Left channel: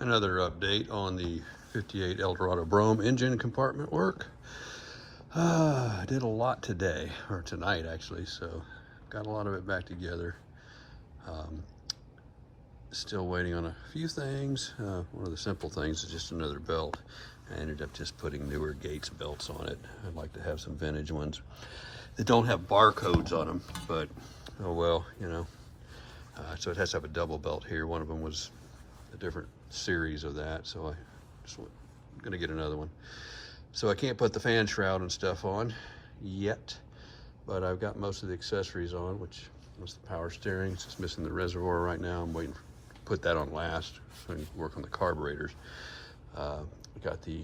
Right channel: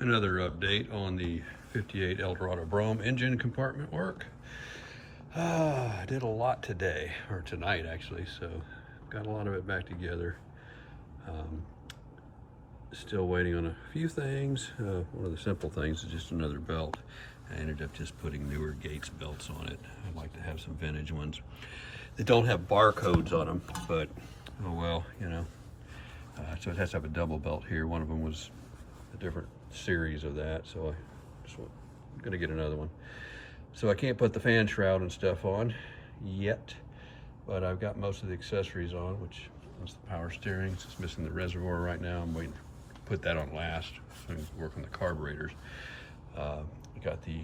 Another update on the 58 Eldorado Brougham engine compartment work. I did a lot today, or tonight actually, so got a lot of it back together. Still waiting on a few things. One of the simple things is just another belt. I ended up just putting newer Gates belts on it. I'd like to have some vintage ones that don't have barcodes on them, but oh well, you know. So it has to have a double belt here. One of them was a different series of that, so I'm gonna get another one. So I can't put the fan shroud and stuff on yet, but I've got most of the accessories on, which was the power steering. It's just missing the reservoir right now. I'm waiting to put that on last so I can work on the carburetors. We got the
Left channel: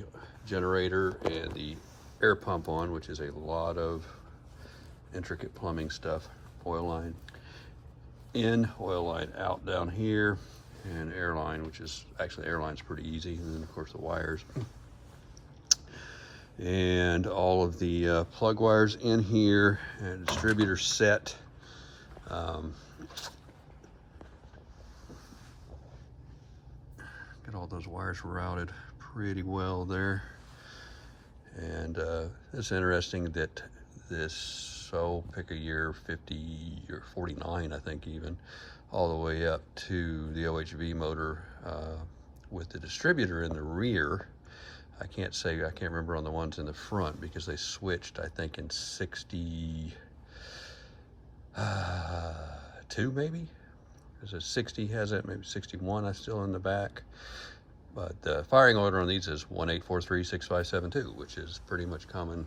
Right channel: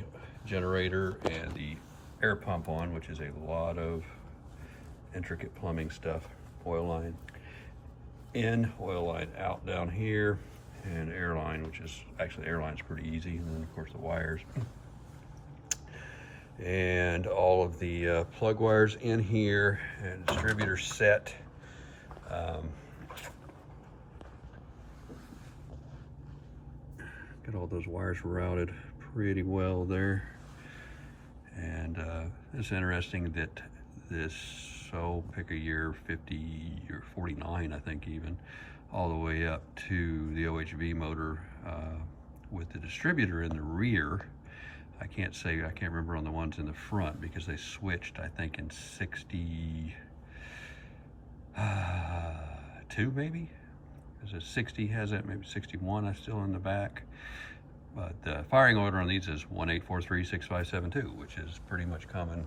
generator and the air pump on, which is a lot of intricate plumbing stuff. Oil line in, oil line out down here, and air line, which is actually, air line's pretty easy, and then of course the wires. And all of the plug wires in here, and distributor set. Got all those wires routed pretty well there. And it's interesting that this, pick a year, 50 or 49, I think even, all the way up to the OHV motor with the distributor in the rear. I can't remember on the ones in the front because they switched, I think, in 62 maybe? Is it 60 has it, maybe 61 is still in the back. But the firing order on these is 18436572, which is pretty much common.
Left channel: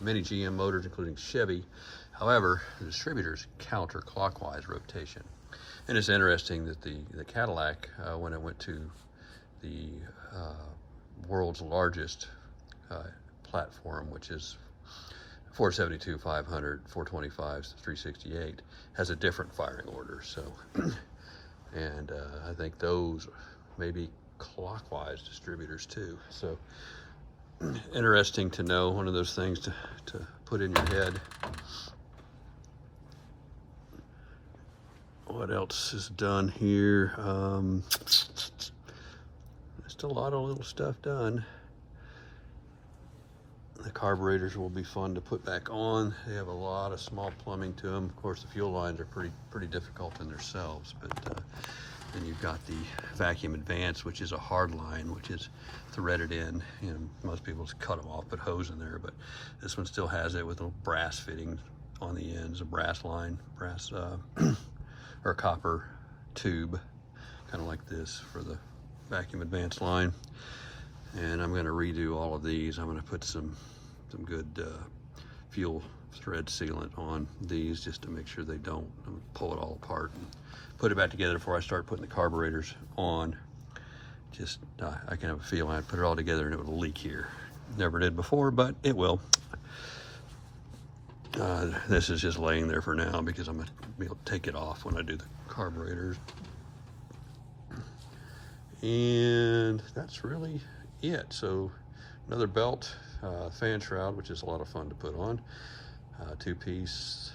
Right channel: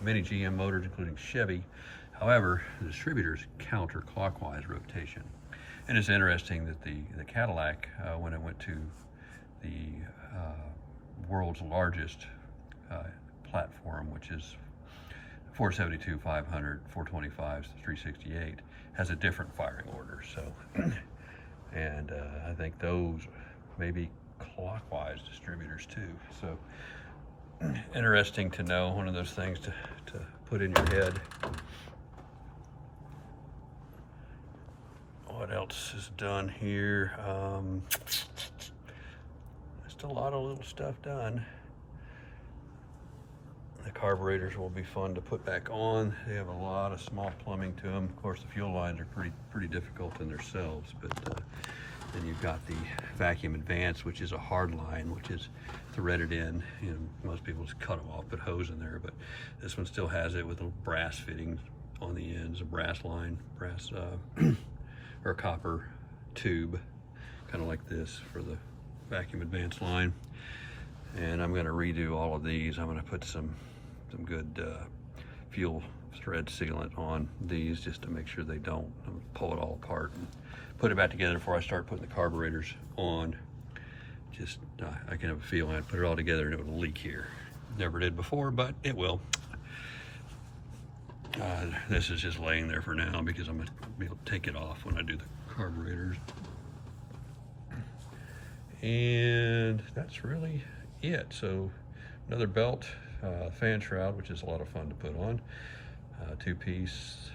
Many GM motors, including Chevy. However, the distributor's counterclockwise rotation. And it's interesting that the Cadillac, when it went to the world's largest platform, which is 472, 500, 425, 368, has a different firing order. So, and I think those may be clockwise distributors too. So interesting to know, one of those things to put in your head. What else is done here? Still a lot of little stuff done. The carburetors will be fun to put back on. They have a lot of small plumbing to them. Of course, the fuel lines are pretty difficult in themselves, but then you've got the vacuum advance, which is a hard line, which is threaded in. You know, most people just cut them off, put hose in there, but this one still has it with a brass fitting on the ends, a brass line, or copper tube, kind of like this for the vacuum advance line. And I'm going to redo all of these. I'm going to put some good fuel thread sealant on these just to make sure they don't. I'm going to pull it all apart and put it back together before I start putting the carburetors on. Just I can have a feeling I'd put it all together and it would leak here. Never did before, but it will. This is just laying there for now because I'm going to be able to take it off when I do the carburetors. And that's really it. So another belt, fan shroud, which is a lot of fun to put on, two-piece,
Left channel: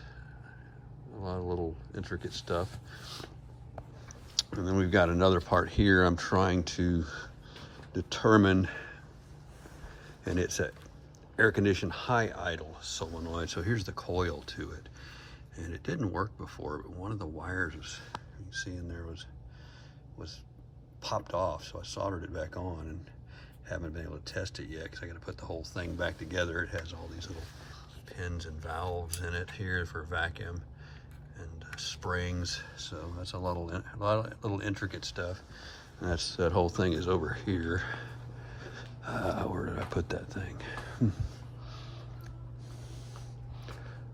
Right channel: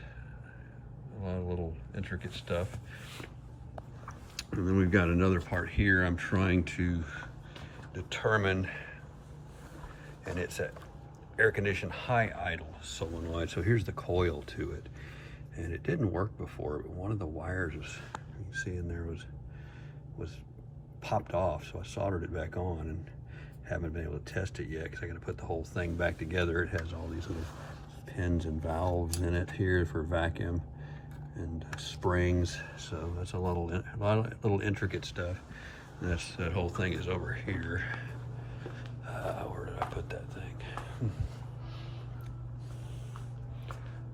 a lot of little intricate stuff. And then we've got another part here I'm trying to determine, and it's an air-conditioned high idle solenoid. So here's the coil to it, and it didn't work before, but one of the wires was, you can see in there, was popped off, so I soldered it back on and haven't been able to test it yet because I got to put the whole thing back together. It has all these little pins and valves in it here for vacuum and springs, so that's a lot of little intricate stuff. And that whole thing is over here. Where did I put that thing?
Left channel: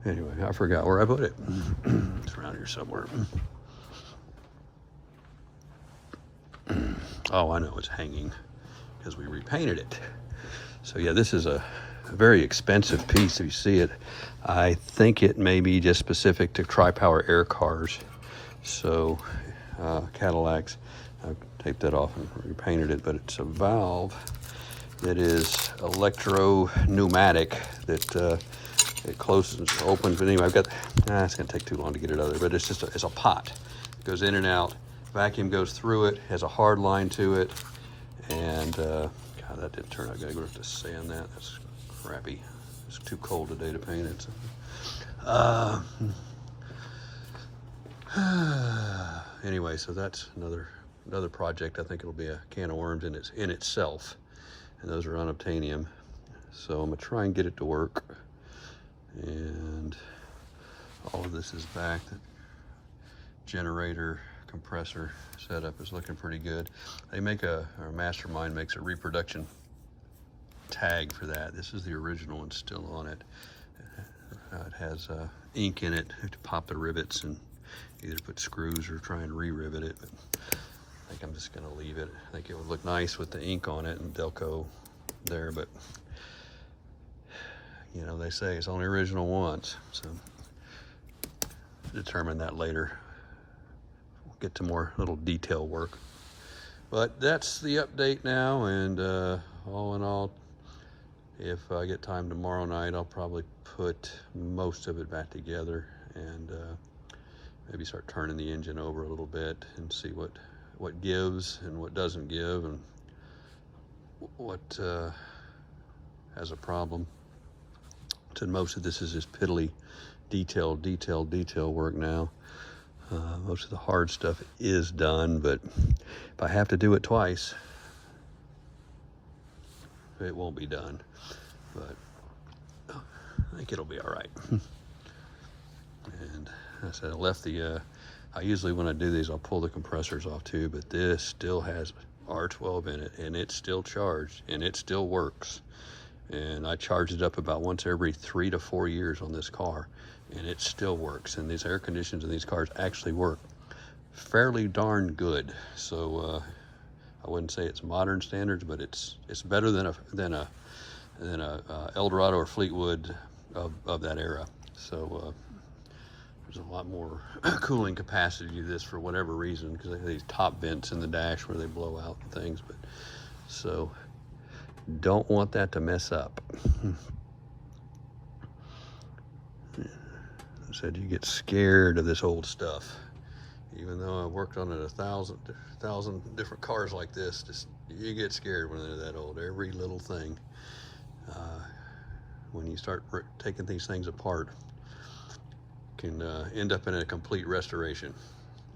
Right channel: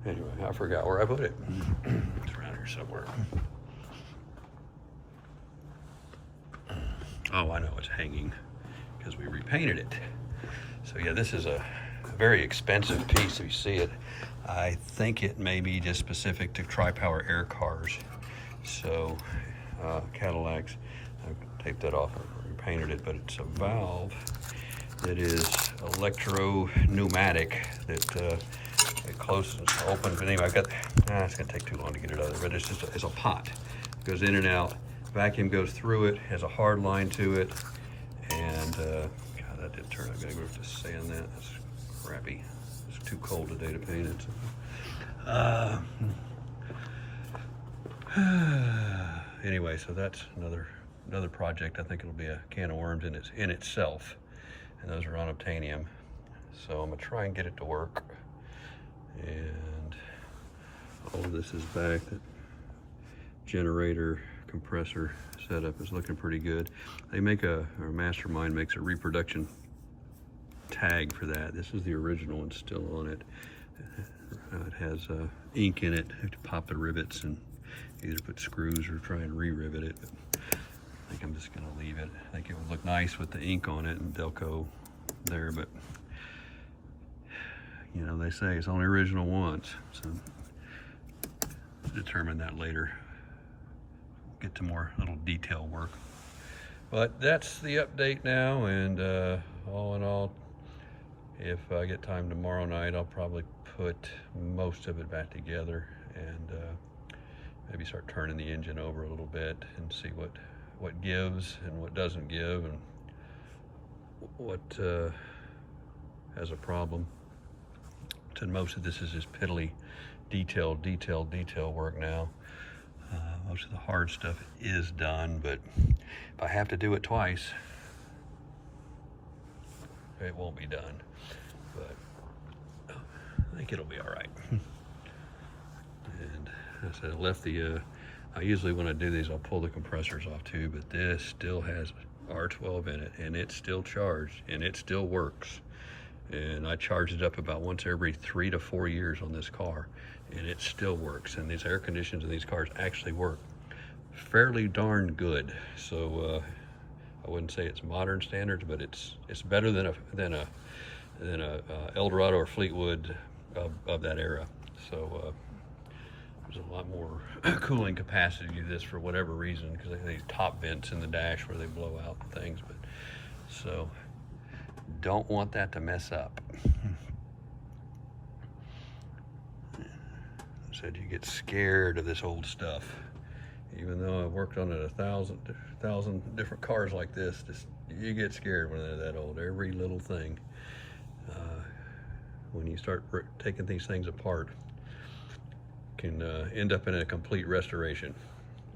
Anyway, I forgot where I put it. It's around here somewhere. Oh, I know, it's hanging because we repainted it. So yeah, this is a very expensive piece. If you see it, I think it may be just specific to tri-power air cars. So Cadillacs, I've taped that off and repainted it, but it's a valve that is electro-pneumatic that it closes, opens, but anyway, I've got, it's gonna take too long to get it out of there, but it's just it's a pot. It goes in and out, vacuum goes through it, has a hard line to it, And God, that did turn out good. I gotta have to sand that. That's crappy. It's too cold today to paint it. Anyway, so that's another project. I think it'll be a can of worms in itself, and those are unobtainium. So I'm gonna try and get it to work. And all of this is back. The generator compressor setup is looking pretty good. They make or Mastermind makes a reproduction tag for that. This is the original one still on it. It has ink in it. You have to pop the rivets and either put screws or try and re-rivet it. I think I'm just gonna leave it. I think it would look nice with the ink on it and Delco there, but you know, they say it's only original once, so determine that later. Get to more little detail work. But that's the update now, and all in all, if I get time tomorrow night, I'll probably put most of it back together and maybe start turning the engine over a little bit and see what gives and what doesn't give and what has a problem. So most of this is just piddly detail work now. Most of the hard stuff is done, but if I have to do it twice, it won't be done. But I think it'll be all right. And as I left I usually when I do these, I'll pull the compressors off too, but this still has R12 in it, and it's still charged, and it still works. And I charge it up about once every 3 to 4 years on this car, and it still works. And these air conditions in these cars actually work fairly darn good. So I wouldn't say it's modern standards, but it's better than a Eldorado or Fleetwood of that era. So there's a lot more cooling capacity to this for whatever reason, because they have these top vents in the dash where they blow out things. But so don't want that to mess up. I said you get scared of this old stuff. Even though I've worked on it 1,000 different cars like this, just you get scared when they're that old. Every little thing. When you start taking these things apart, can end up in a complete restoration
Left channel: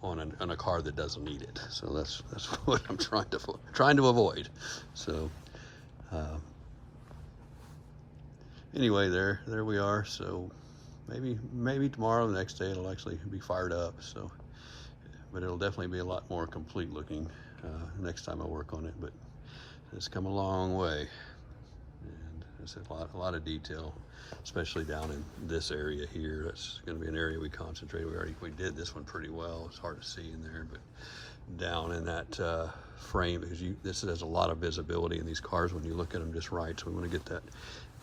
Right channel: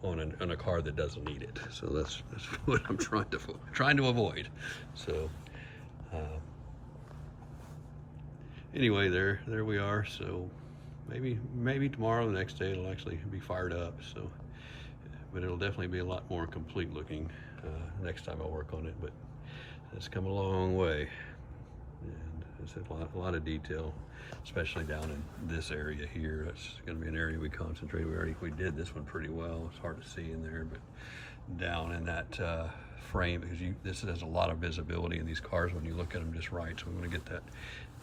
on a car that doesn't need it. So that's what I'm trying to avoid. So anyway, there we are. So maybe tomorrow, the next day, it'll actually be fired up. So, but it'll definitely be a lot more complete looking next time I work on it. But it's come a long way, and it's a lot of detail, especially down in this area here. That's going to be an area we concentrate. We did this one pretty well. It's hard to see in there, but down in that frame, because this has a lot of visibility in these cars when you look at them just right. So we want to get that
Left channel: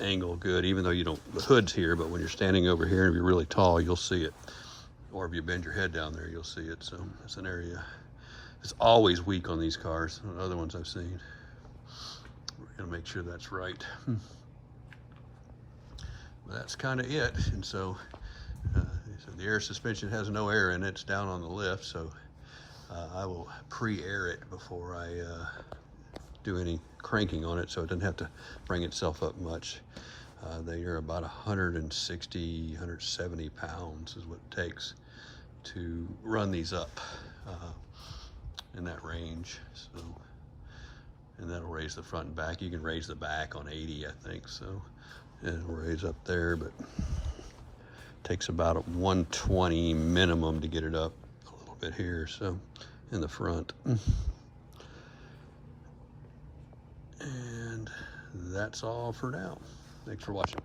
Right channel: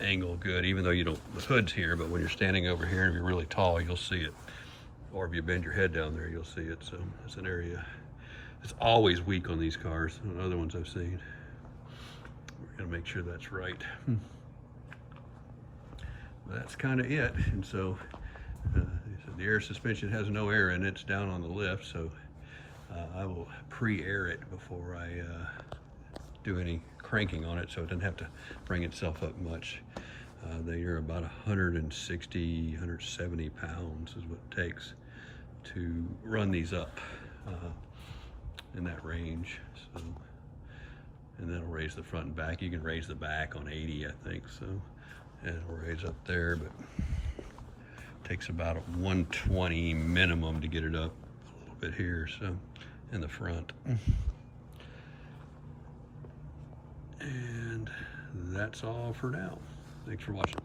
angle good, even though the hood's here, but when you're standing over here and you're really tall, you'll see it. Or if you bend your head down there, you'll see it. So it's an area that's always weak on these cars, on other ones I've seen. We're gonna make sure that's right. That's kind of it. And so the air suspension has no air in it. It's down on the lift, so I will pre-air it before I do any cranking on it, so it doesn't have to bring itself up much. They are about 160, 170 pounds is what it takes to run these up in that range. So, and that'll raise the front and back. You can raise the back on 80, I think, so it'll raise up there, but it takes about a 120 minimum to get it up a little bit here, so in the front. And that's all for now. Thanks for watching.